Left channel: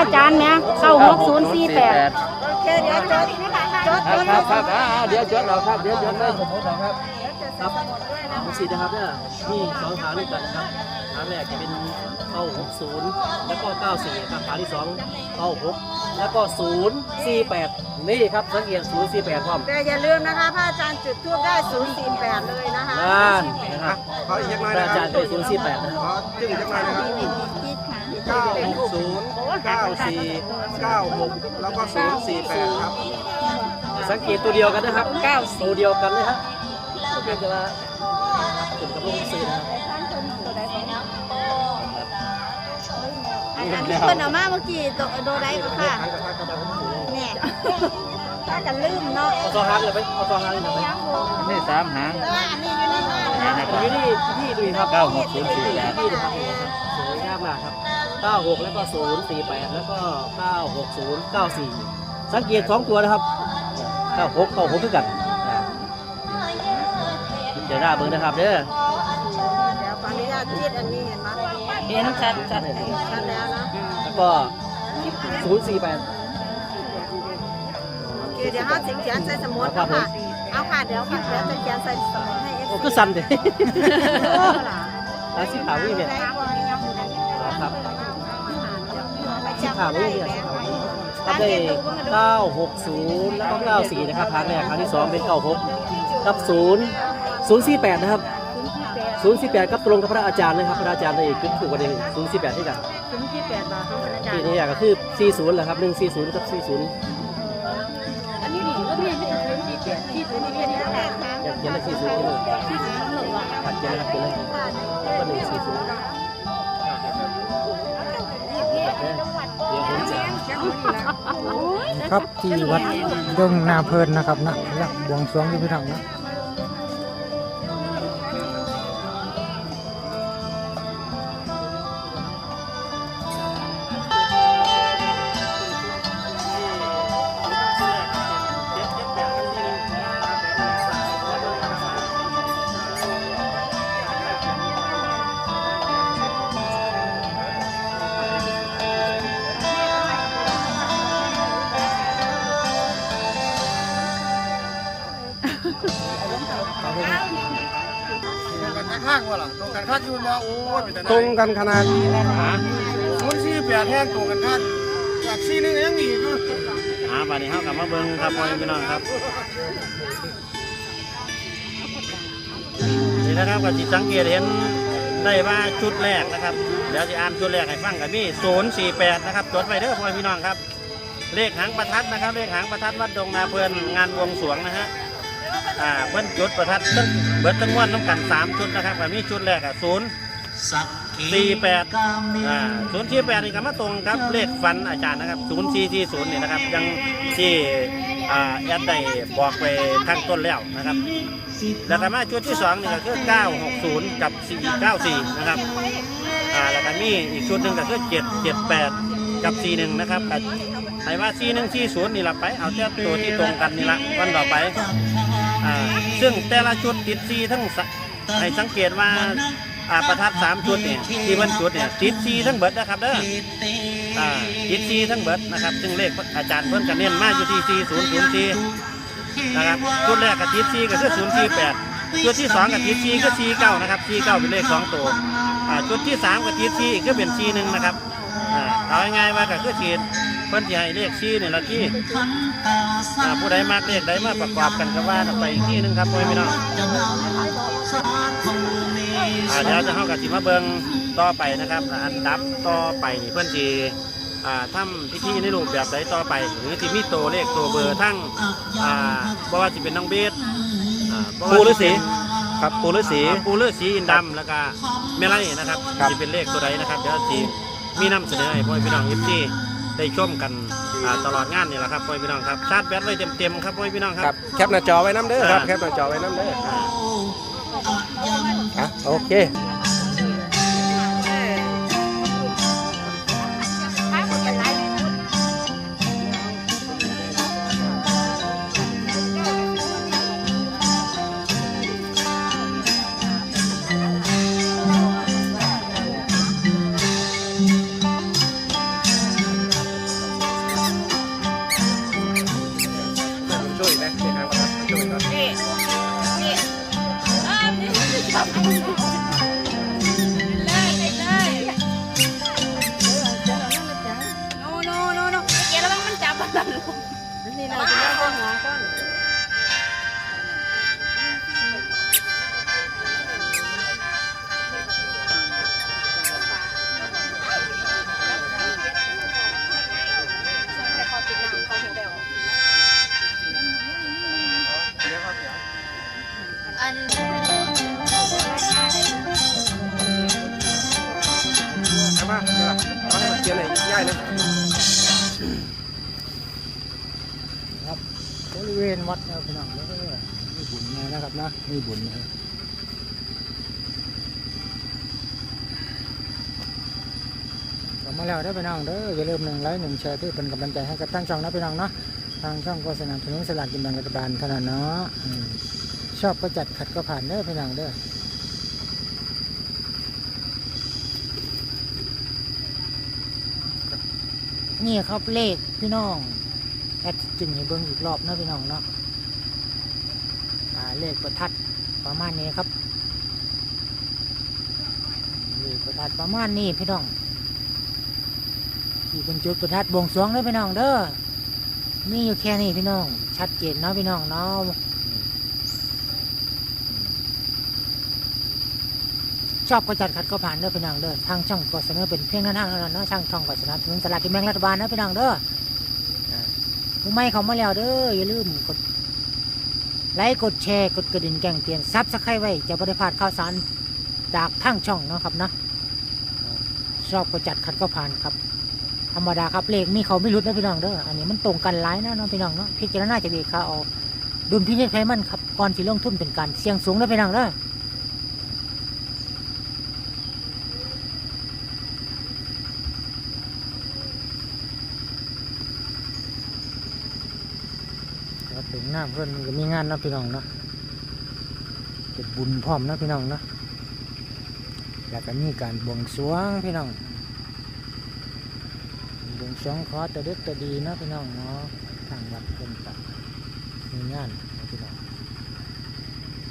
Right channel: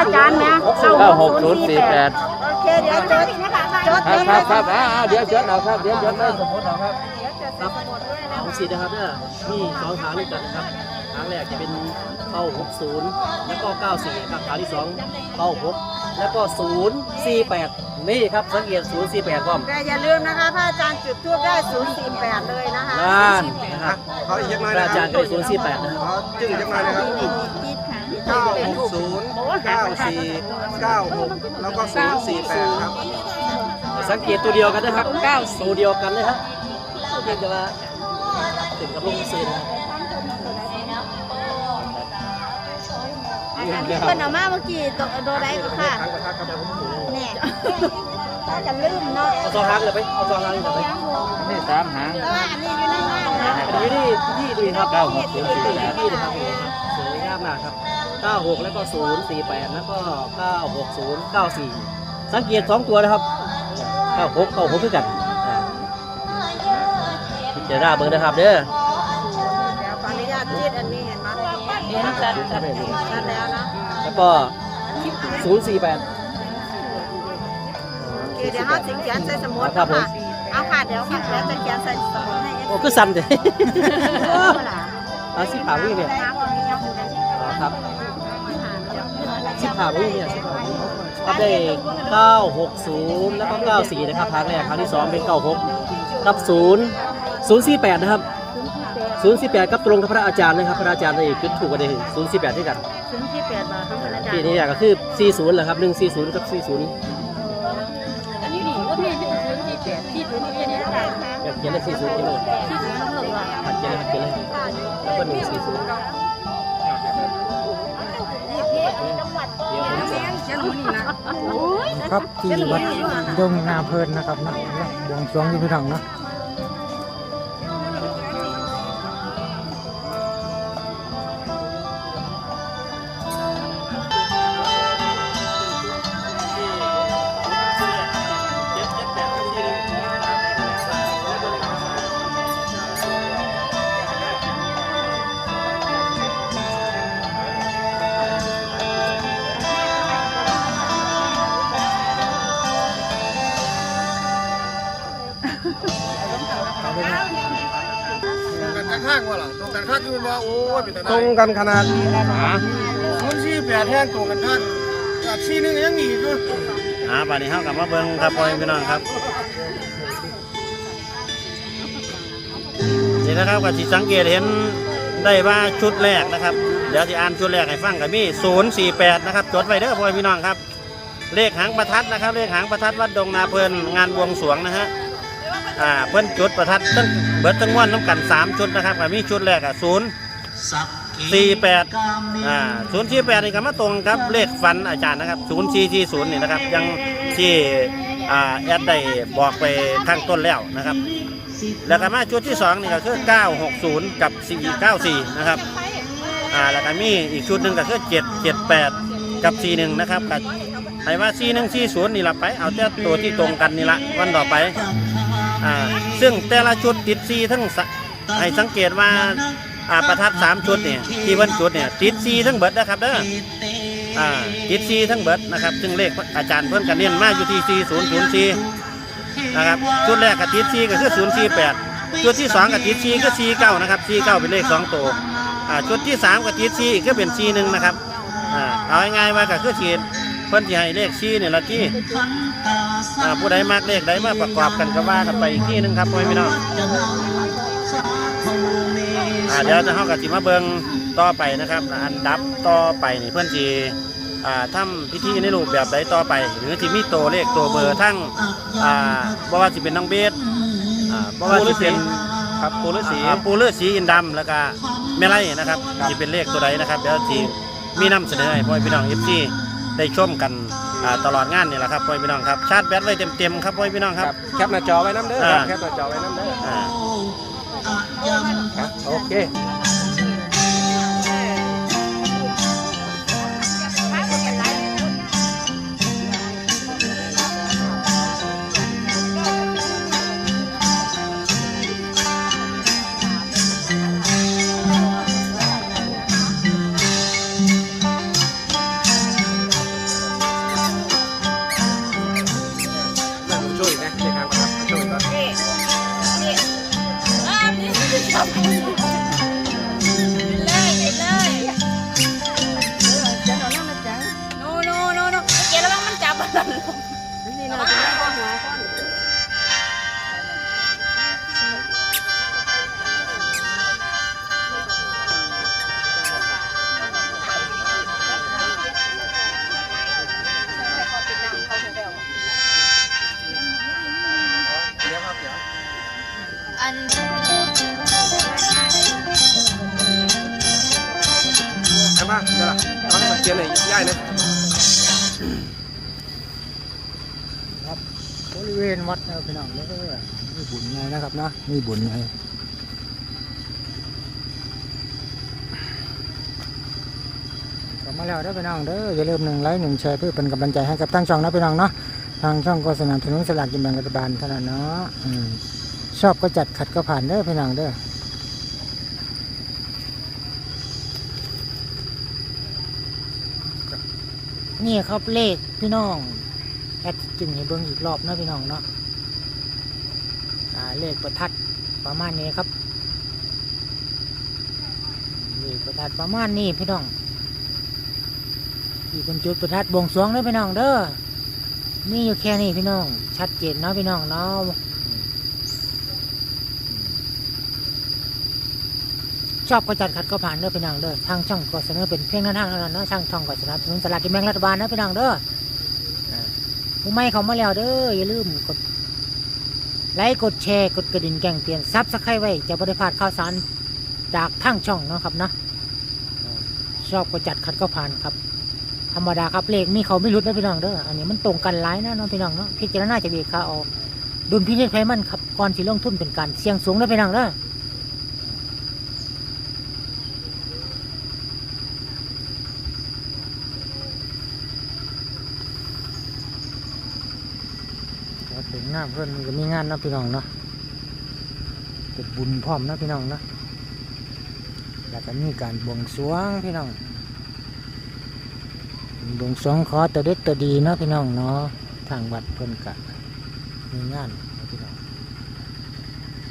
อาจารย์นะเข้าหกศูนย์สี่แปดโอเคเดี๋ยวจดจดคจรับดครับครับอ่าเดี๋ยวจดเอาครับเดี๋ยวจดเลยสมมติเอาครับเดี๋ยวจดสมุดด้วยนะของสีนะครับเนี่ยมีสองทางด้วยกันนะครับทางแรกจะเป็นเข้า60แล้วก็94ครับทางที่สองเข้า6แล้วก็048นี่ครับสังเกต048พร้อมแต่อย่าลืมนะคะพระอาจารย์จุดทูบได้048เลยนะคะนั่นนะครับเขาอีกยังไงพระอาจารย์เคย048นะครับเขาจึงยังไงนะครับคิดค่ะเก้าหกศูนย์ เก้าสี่เก้าหกแล้วก็ศูนย์สี่แปดครับ สังเกตตัวเดียวกันนะครับ9ตัวเดียวกันนะครับเพียงแต่ว่าถึงกับลงซื้อนะครับเพิ่นเอามาเมื่อกี้โดโดไรก็ค่ะทางประทัดกำลังผมถูกแน่ถ้าจะลืมเนาะเอาซองฮักเลยไปเอาซองฮักเลยไปนี่สามหางเอออันนี้อยู่ในห้างนะอันนี้ที่ที่ดูครับเก้าหกศูนย์สี่แปดที่นะครับนี่นะครับสวยงามมากครับ 96 แล้วก็ 048 แล้วก็ 960 94 สังเกตสองตัวนะครับ 96 96ด้วยกันอ่าพิจารณาเบิ่งนะครับเด้อเดี๋ยวขออนุญาตจีดอันนี้เห็นไหมเห็นชัดชัดชัดแล้วนะแล้วก็ 048โอเคเดี๋ยวห้าสิงเขียนใส่สมุดเนาะค่ะ เอาค่ะ เดี๋ยวค่ะเดี๋ยวจะเขียนใส่สมุดให้เอฟโอ้ซีคือสั่นเลยอาสิผ่าวิ่งเนี่ย สิผ่าวิ่งเนี่ยสิผ่าวิ่งครับได้ 960 แล้วก็ 94 นะครับครั้งแรกครั้งที่ 2 เป็น 96 กับ 0 048 นะครับ 048 กับตรงกับพระอาจารย์นะครับ พระอาจารย์ได้คิดถูกกันเลย048ที่กันศูนย์ที่แปดบาทเท่านั้นอาจารที่ย์นี่ก็คือ 40แหละครับ 140 กับ 40อันนี้นี่ว่ามีที่ศูนย์ที่แปดที่ศูนย์ที่แปดนี่ค่ะเขียนเลข40ขึ้นเลยที่ศูนย์ต้องลงว่าครับเขียนเลยครับเขียนเลยแล้วก็140 ครับที่วัดดงนาเพลินนะครับนะและบวงสรวงอยู่พี่น้องนะ ว่าหรอตรงกันข้างยืนว่าโอ้ยตรงกันขนาดคนสี่แปดแท่งตรงกันข้างจากสี่นึงยังหนีอยู่อ่าบัดนี้เฮากลับมาเบิ่งครับพ่อแม่พี่น้องครับนี่นะครับก็สิสังเกตเห็นได้ว่าชุดแรกนะครับ เดี๋ยวจะอ่านชุดแรกให้ฟังกับมี048 นะครับจดไว้เด้อพ่อแม่พี่น้องครับ เลขหางประทัดนะครับ เลขหางประทัดวัดดงนาเพลินงานบวงสรวงนะฮะ อ่าเพิ่นจุดประทัดตั้งเบิดทั้งม้วนน้ำกันสามชุดนะครับก็มีชุดแรกอะศูนย์สี่แปดอ่าศูนย์สี่แปดนี่ก็มาตรงครับเลขฟันอาจารย์นะครับศูนย์สี่สี่ศูนย์นี่นะครับยังที่อ่าแอดได้บอกไปข้างต้นแล้วนะครับ แล้วก็มาชุดที่สองนี่ก็คือเก้าหกศูนย์กับสี่เก้าสี่นะครับอ่าแล้วก็มีอีกชุดหนึ่งก็คือเจ็ดเจ็ดแปดกับสี่หนึ่งนะครับก็ให้ว่าสี่หนึ่งสี่ศูนย์นี่ละไป เอาแต่ตัวที่ตรงกันนี่ละวันต่อไป ซึ่งแต่ละชุดติดซีทั้งให้สังเกตว่าอาประทัดสามชุดเนี่ยที่วันจุดเนี่ยติดซีทั้งเบิดนะครับเด้ออติดซีทั้งเบิดนะครับ ซึ่งเลขอาจารย์เพิ่นกันเน้นมากอยู่ที่ซีศูนย์ศูนย์ซีนะครับชุดแรกกับติดซีก็คือศูนย์ซีแปดชุดที่สองกับติดซีก็ซีเก้านะครับซีเก้าเป็นเลขสองตัวชุดที่สามกับติดซีก็เป็นซีหนึ่งนะครับเอาง่ายๆว่าก็คือขีดเพิ่นที่ให้เลขซีเนี่ยละที่ อ่าผู้ใดมากเลขใดมาประกอบกันก็ว่ากันไปอีกที่หนึงครับพ่อพี่น้องอ่าเดี๋ยวจะเข้ากับจิมาเบิงต่อไปนะครับอันดับต่อไปนี่เพื่อนจีอ่าทำพิธีในรูปแบบใดต่อไป หรือที่มีตัวเลขตัวเบอร์ทั้งอ่าบ่ว่าจะเป็นน้องเบสอ่าบ่ว่าสิเป็นครับปูฤาษี อ่าปูเลือดสีอินดำแล้วก็แม่ไร่นะครับที่เป็นเลขตัวใดนะครับเดี๋ยวทีมีนำเสนอให้พ่อพี่น้องเอฟซีได้ชมกัน อ่าตลอดงานนี่แหละครับพ่อพี่น้องครับชาร์จแบตไว้เต็มๆครับพ่อพี่น้องคครัรับ บแคปหน้าจอไว้น้ำเด้อครับอ่าแคปหน้าจอไว้น้ำเด้ออ่าครับโอเค นี่นะเป็นข้อหาก้อนอันใช่ไหมเดี๋ยวเอาเขียนไหนย่ายเลย ครับ บริเวณวัดนะครับพี่น้องแล้วก็มีบุญไงนะครับนะมีบุญไงกลับมาแล้วได้อพี่น้องเด้ออย่าลืมหนึ่งไลค์หนึ่งแชร์เพื่อเป็นกำลังใจให้กับทั้งช่องนะพี่น้องเนาะทางช่องก็สนับสนุนสลากกินแบ่งรัฐบาลเท่านั้นเนาะอชอบก็จัดขัดก็ผ่านเด้อพี่น้องเด้อนี่ครับเลขพี่น้อง แอดจึงให้เบิ่งอีกรอบนะพี่น้องเนาะอ่าเลขประทัดประมาณนี้ครับเลขประทัดประมาณนี้พี่น้องที่เป็นจุดประทัดบวงสรวงเด้อพี่น้องเด้อมีอยู่แค่นี้พี่น้อง ชัดเจนเนาะพี่น้องเนาะชอบก็จัดขัดก็ผ่านเด้อพี่น้องเด้อทางช่องก็เสนอเป็นเพียงแนวทางเท่านั้นเนาะทางช่องก็สนับสนุนสลากกินแบ่งรัฐบาลนะพี่น้องเด้อ ผู้ไม่เขามาแล้วเด้ออย่าลืมกดไลค์กดแชร์กดกระดิ่งแจ้งเตือนซับสไครต์ไว้จะบริพลาดข่าวสารจากทางช่องเนาะครับนะชอบก็จัดขัดก็ผ่านครับ ธรรมดาครับเลขมีเขาไม่รุดนะพี่น้องเด้ออันนี้มันตรงกันหลายนะน้องพี่น้องเนาะพิจารณาจะดีค่ะเอาดุลพินิจไพมันครับก่อนสิลงทุนเป็นการเสี่ยงสูงนะพี่น้องเด้อาเพื่อนก็มีงานนะพี่น้องเนาะเก็บบุญพร้อมนะพี่น้องเนาะแล้วก็มีการบวงสรวงพี่น้องบวงสรวงขอตัวเด็ดตัวดีเนาะพี่น้องเนาะทางวัดเพิ่นกะมีงานนะพี่น้อง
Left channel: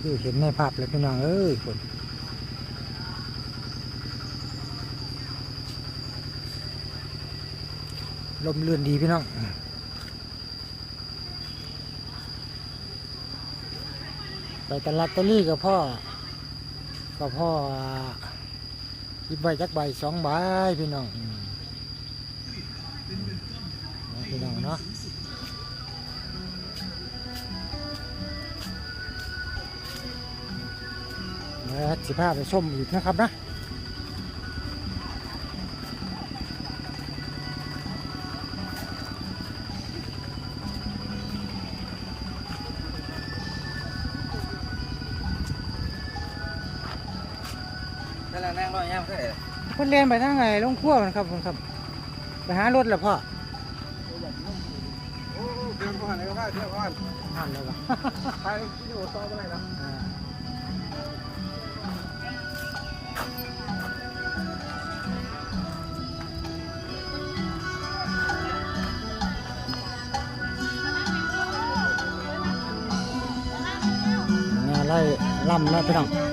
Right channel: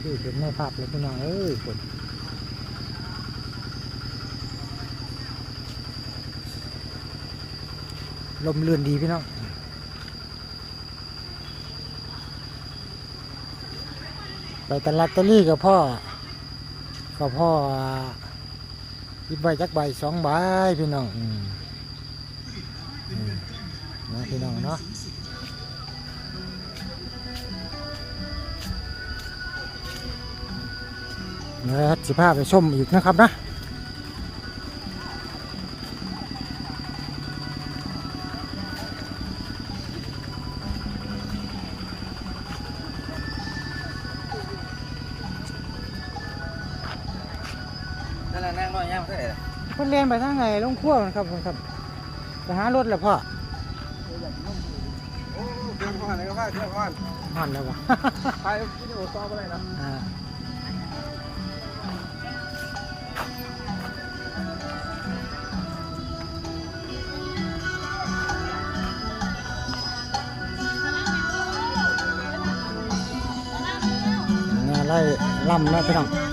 คือเห็นในภาพเลยพี่น้องเอ้ยคนลมเลื่อนดีพี่น้อง ใบตลาดตะลี่กับพ่อกับพ่อยิบใบจักใบสองใบพี่น้องนะพี่น้องเนาะเดี๋ยวสิพาไปชมอีกนะครับนะ นไปทางไหนลงขั้วมันครับผมครับไปหารถแล้วพ่อโอ้เดินผ่านเลยก็ผ่านเที่ยวผ่านหันแล้วบ่ไปที่หัวต่อไปเลยนะไล่ล่ำนะพี่น้อง